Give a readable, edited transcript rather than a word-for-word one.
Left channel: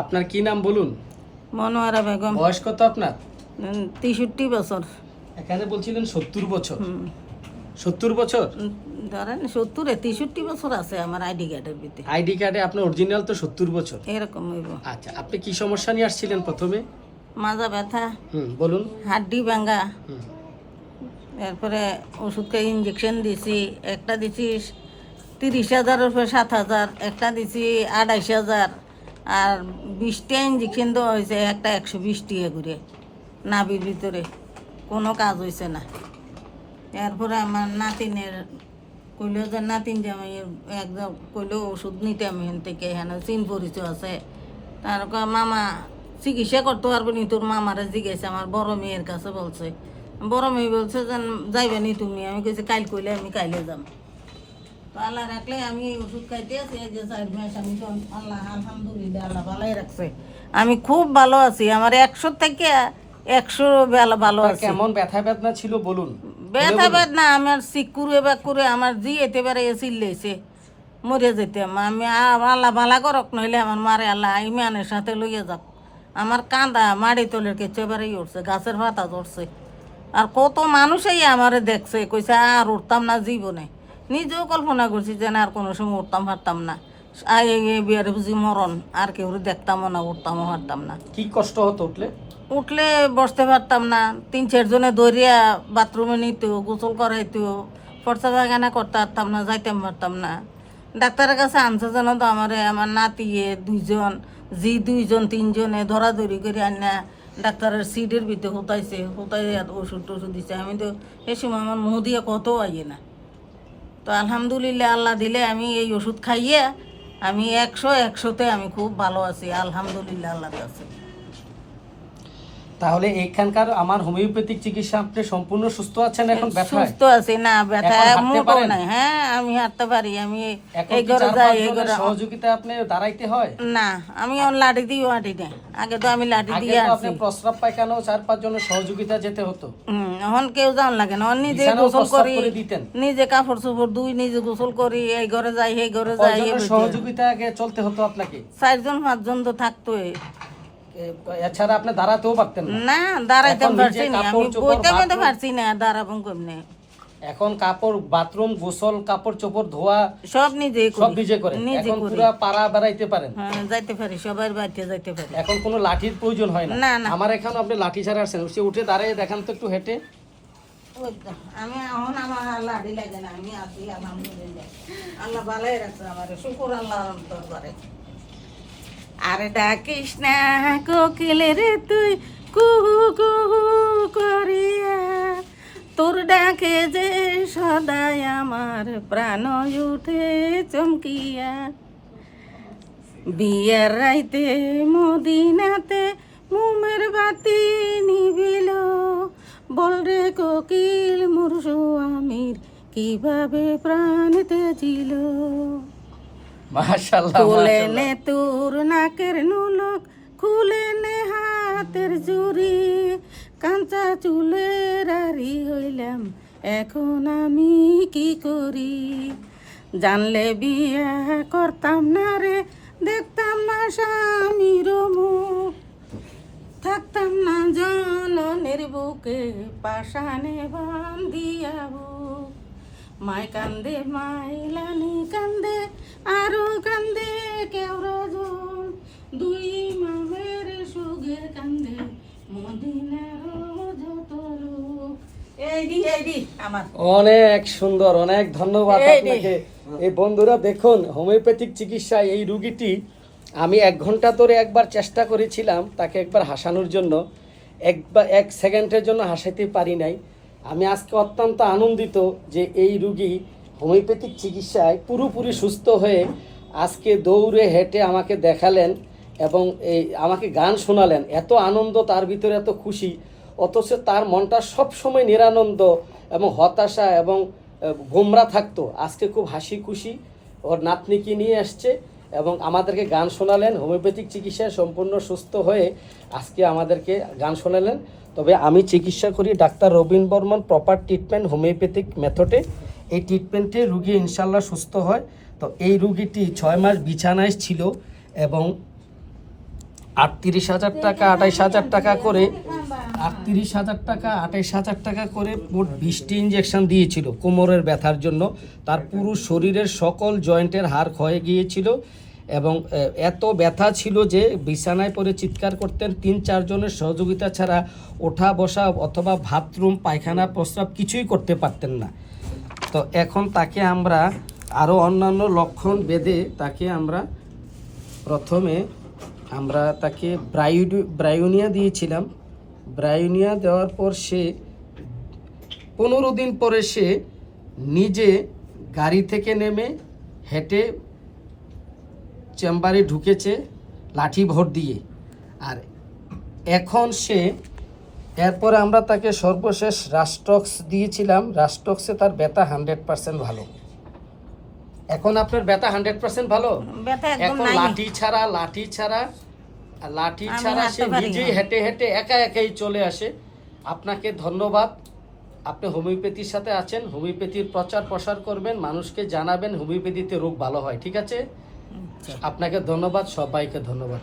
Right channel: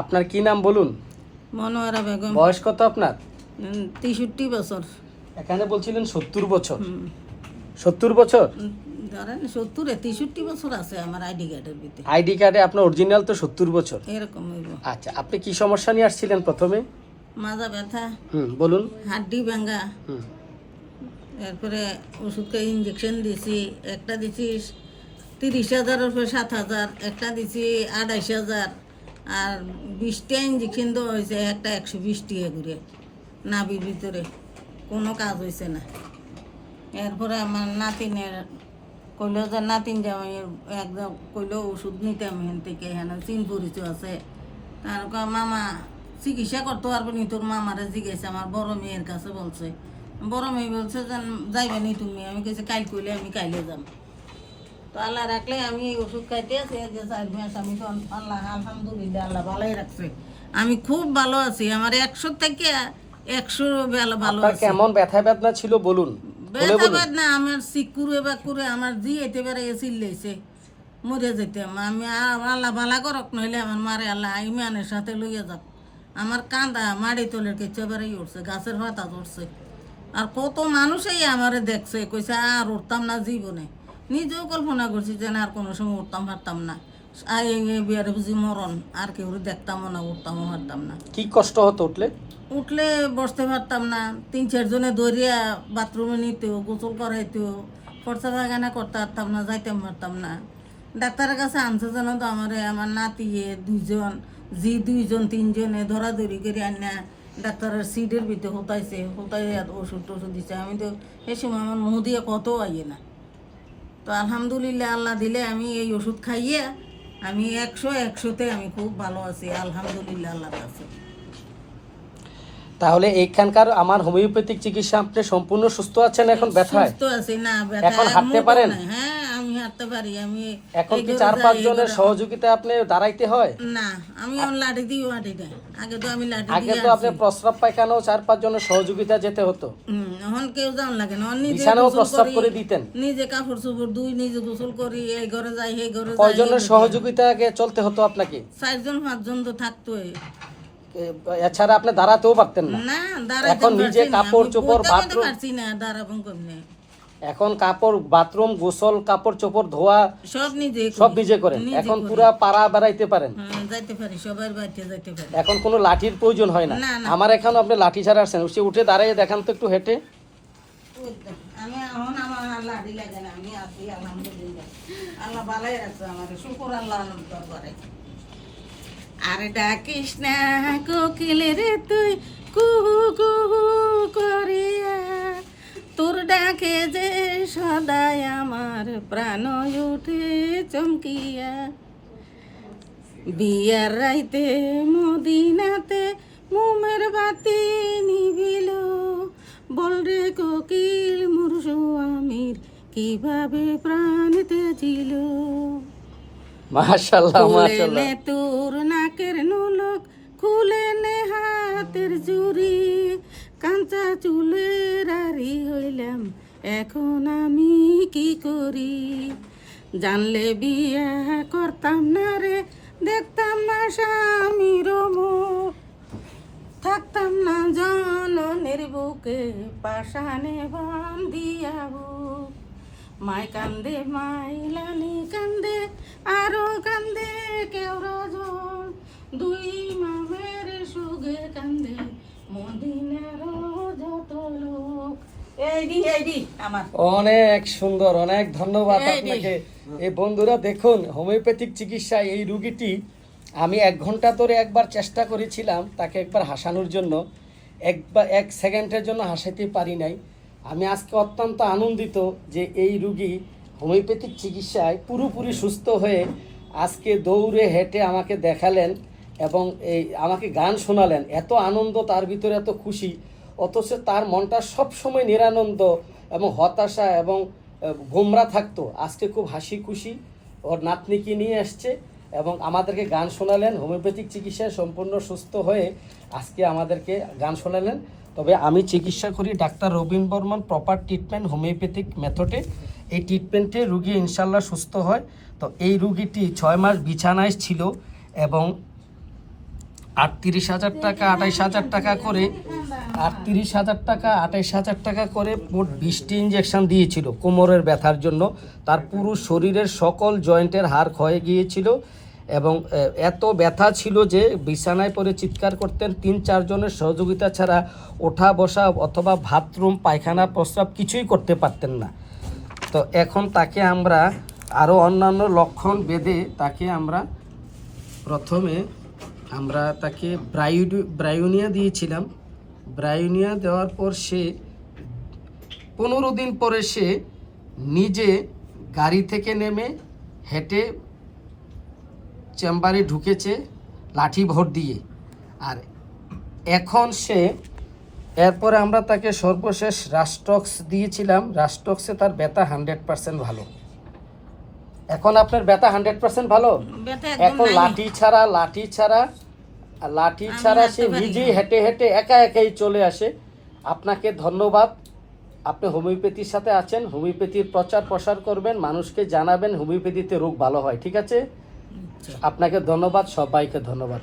আপনার কি নাম বলুন? মনোয়ারা বেগম। বয়স কত আপনার? 63 বছর। এখানে বলছিলেন 70 বছর। 70 বছর? ধরেন 70 63 বছর আছে আমার আইডি কার্ডের ভিতরে। আইডি কার্ডে আপনার অরিজিনাল তো 70 বছর। এরকম হইব। আচ্ছা, আপনি কি সমস্যা নিয়ে আসছিলেন প্রথমে? মাজা ব্যথা, বলুন। হাড্ডি ভাঙা, হুম। এরপরে ওষুধ খেয়ে ইঞ্জেকশন দিছি। একটা দিছি 30,000 উপরে 7,000, একটা দিছি 28,000, আর 20টা ইঞ্জেকশন দেওয়া হয়েছে, একটা 120 টাকা করে নাভির ভিতরে। কোনো কাজ হয়েছে না। এরপরে আমার নাতিনের কইল যে নাতিন যে আমি একদম কইল ওষুধ নিতে আমি এখান থেকে, এখানে চিন পরিচয় আছে। তার মামা চিকিৎসা করতে পারবো নি, তোর মামারা জিজ্ঞাসা আমার বড় মেয়ের কাছে বলছে। বড় মেয়ে বলছে যে যাইবে নি তুমি। আমি কেছি কাইল কইলে আমি কাইলে যাম। তো আল্লাহ রাখলে আমি ওষুধ খাইতে আছি যে 4 মাস। আমি তো আল্লাহ আলহামদুলিল্লাহ, আল্লাহ ভালোই রাখছে। আমি খুব ভালো আছি। আমার 100 থেকে 100 ভালো আছে। কেমন ব্যথা বেদনা ছিল বলুন? ব্যথা বেদনা আমার সিকুরে বাকুরে আমার জি এতে পারে চিল্লেছে, মরে যেতাম আমি। আল্লাহ ভালা করক, নইলে আমার মারে আল্লাহ ইমানের সাথে লইয়া যাক। আমার কান্দা মাড়ি তোলের কেছে এবারেই উঠছে, গাছের পাতা ধরছে। আর কত মানুষই আমারে দেখছে, কইছে আর উঠতাম না জীবনে। নিজেও কল্পনা করছি যে না আর কোনো সময় উঠতাম পারতাম না। বিয়ারে বুঝি মরণ, আর কেউ দেখতামও না, উঠতামও পারতাম না। কি কষ্ট হতো উঠলে? উঠলে বসতে পারতাম না। 3-4 জনে দৌড়িয়া বাথরুমে নিত, গোসল করাইতো, ফর্সা পায়খানা করতে পারতাম না, যাইতাম পারতাম না। ডাক্তারের কাছে আনছে যেন তো আমার নাতিয়ে 2জন, জি 2জন 3জনে ধরাধরি করে আনা ডাক্তারের সিটের ভিতরে হুতাইছে, হুতাই ওষুধ টষুধ দিছে। আমি তো এ সময় আমার মুখ দিয়ে কত আইয়ে না। তো আলহামদুলিল্লাহ আল্লাহ দিলে আমি এই ওষুধ খাইয়ে আমি 100-100তে আমি খুব ভালো আছি আলহামদুলিল্লাহ আল্লাহর কাছে। তাহলে এইখানকার আমার হোমিওপ্যাথিক চিকিৎসা আপনি সম্পূর্ণ সুস্থ আছেন এখন? সুস্থ আছি না, ব্যথা মোটেও নাই। হ্যাঁ আমি হাঁটতে পারি। আমি এই এখন ঘরে যাই, এই ঘরে সহযোগিতা আপনি দাঁড়াইতে হয় না। আমি লাঠি দিয়ে হাঁটি না। আগে তো আমি লাঠি দিয়ে আগে তো আসছি। আপনি প্রস্রাব পায়খানাও 4-5 জনের সহযোগিতা যেতে হতো। এখন কেউ যাওয়ান লাগে না। নিজে বিছানাও গোসল প্রস্রাব করি, করে দিতেন? নিজে কাপড় চোপড় ধুই, নিজে গোসল করি, এই ঘরে যাই এই ঘরে যাই। কয়জনের সহযোগিতাকে চলতে হতো আপনাকে? 4-5জন তো থাকতোই। এছাড়া আপনি দাঁড়াতেও পারতেন না? না দাঁড়াইতে এখন পারছি নিজে না, আমি কাপড় চোপড় বইতে বাথরুম- পারছি না, দাঁড়াবো কেমনে। এখন কাপড় বাথরুম গোসল কাপড় চোপড় ধোয়া সব নিজে সব নিজে করেন? নিজে এখন করি। পুরা পাড়া বেড়াইতে পারেন? হ্যাঁ যাইতে পারি, সবার বাড়িতে যাইতে পারি। এখন কোনো লাঠির প্রয়োজন হয় না? না, না। আমার এখানে আপনি লাঠি ছাড়া আসছেন, সে উঠে দাঁড়ায় দেখান তো একটু হেঁটে। ওই তো, আমি এখন আমার লাঠি লাগে না, আমি আছি আলহামদুলিল্লাহ। আল্লাহ ভালোই রাখছে আমার, শুকর আল্লাহর দরবারে। আরে ডাকিস না কোকিল রে তুই কুহু কুহু করিয়া, তোর ডাকে যে সদাই আমার প্রাণ উঠে চমকিয়া। বিয়ের রাইতে মদিনাতে মোমের বাতি নিবিল, বল রে কোকিল মোর স্বামীর কিভাবে প্রাণ তেজিল। মাশাআল্লাহ, খুলে মাশাআল্লাহ। নে তোর নাকের নুলক, খুলে নে হাতের জুড়ি, কাঁচা চুলের আরি হইলাম এখন আমি কি করি। জানলে বিয়া করতাম না রে, দেখতাম না স্বামীর মুখ, থাকতাম না জননের বুকে পাশানে বান্ধিয়া বুক। মায় কান্দে মাইলানি কান্দে আরো কান্দে কেউ রজন, দুই মামের সুগে কান্দে মদিনার যত লোক। এই আমার অনেক সুন্দর, অনেক ধন্যবাদ এই আপনাকে। এই বন্ধুরা দেখুন, হোমিওপ্যাথিক চিকিৎসায় এই রুগীটি আমি 1 ঘন্টা ধরে একবার চেষ্টা করেছিলাম তাকে একবার হাসানোর জন্য, 1 সেকেন্ডের জন্য হাসাতে পারি নাই। আমি আজকে অত্যন্ত আনন্দিত যে এই রুগী হোমিওপ্যাথিক চিকিৎসায় পুরোপুরি সুস্থ হয়ে আজকে দৌড়ে হেঁটে আমাকে দেখালেন এবং এই আমাকে গান শোনালেন। এত আনন্দ তার ভিতরে, এত খুশি, অথচ তার মনটা সবসময় নিরানন্দ এবং হতাশা এবং গোমরা থাকতো। আজকে খুব হাসি খুশি ওর নাতনিকে নিয়ে আসছে এবং আমাদেরকে গান শোনালেন। হোমিওপ্যাথিক চিকিৎসায় সম্পূর্ণ সুস্থ হয়ে আজকে আমাদেরকে গান শোনালেন। তবে আমি চিকিৎসা করি doctor Robin Barman proper treatment homeopathic মেথডে। এই ট্রিটমেন্টে রুগী ইনশাল্লাহ সুস্থ হয়। তো এই রুগীটি 6 মাস বিছানায় ছিল এবং 38,000 টাকা 28,000 টাকা করে 38,000 টাকা 28,000 টাকা করে মোট 20টি ইঞ্জেকশন দিয়েছিল কোমরের ব্যথার জন্য। তার পুরো শরীরের সকল জয়েন্টের হাড় ক্ষয়ে গিয়েছিল এবং এত ব্যথা ছিল যে বিছানায় পড়ে চিৎকার করতেন। 3-4 জনের সহযোগিতা ছাড়া ওঠা বসা অথবা বাথরুম পায়খানা প্রস্রাব কিছুই করতে পারতেন না। তো এখন তাকে আমরা আরও অন্যান্য লক্ষণ বেঁধে তাকে আমরা প্রথমে আমরা তাকে ব্রায়োনিয়া দিয়েছিলাম। ব্রায়োনিয়া দেওয়ার পর সে 15 দিন পরে সে নিজে গাড়ি থেকে নেমে হেঁটে চেম্বারে ঢুকেছে লাঠি ভর দিয়ে। আর এখন সে এরপরে আমরা তাকে সর্বশেষ রাস্টক্স দিয়েছিলাম। রাস্টক্সে তার ব্যথা 100% ভালো। এখন আপনার ব্যথা 100% ভালো। ব্যথা একদম এখন নাই। লাঠি ছাড়া সে নিজেই হেঁটে হেঁটে একা একাই চলে আসে। আপনাকে ধন্যবাদ। আপনি হোমিওপ্যাথির সাথে আছেন, হোমিওপ্যাথির প্রচার প্রসার করবেন, মানুষকে জানাবেন হোমিওপ্যাথিতে রোগ ভালো হয়। ঠিক আছে, আপনাকে ধন্যবাদ, সবাইকে ধন্যবাদ।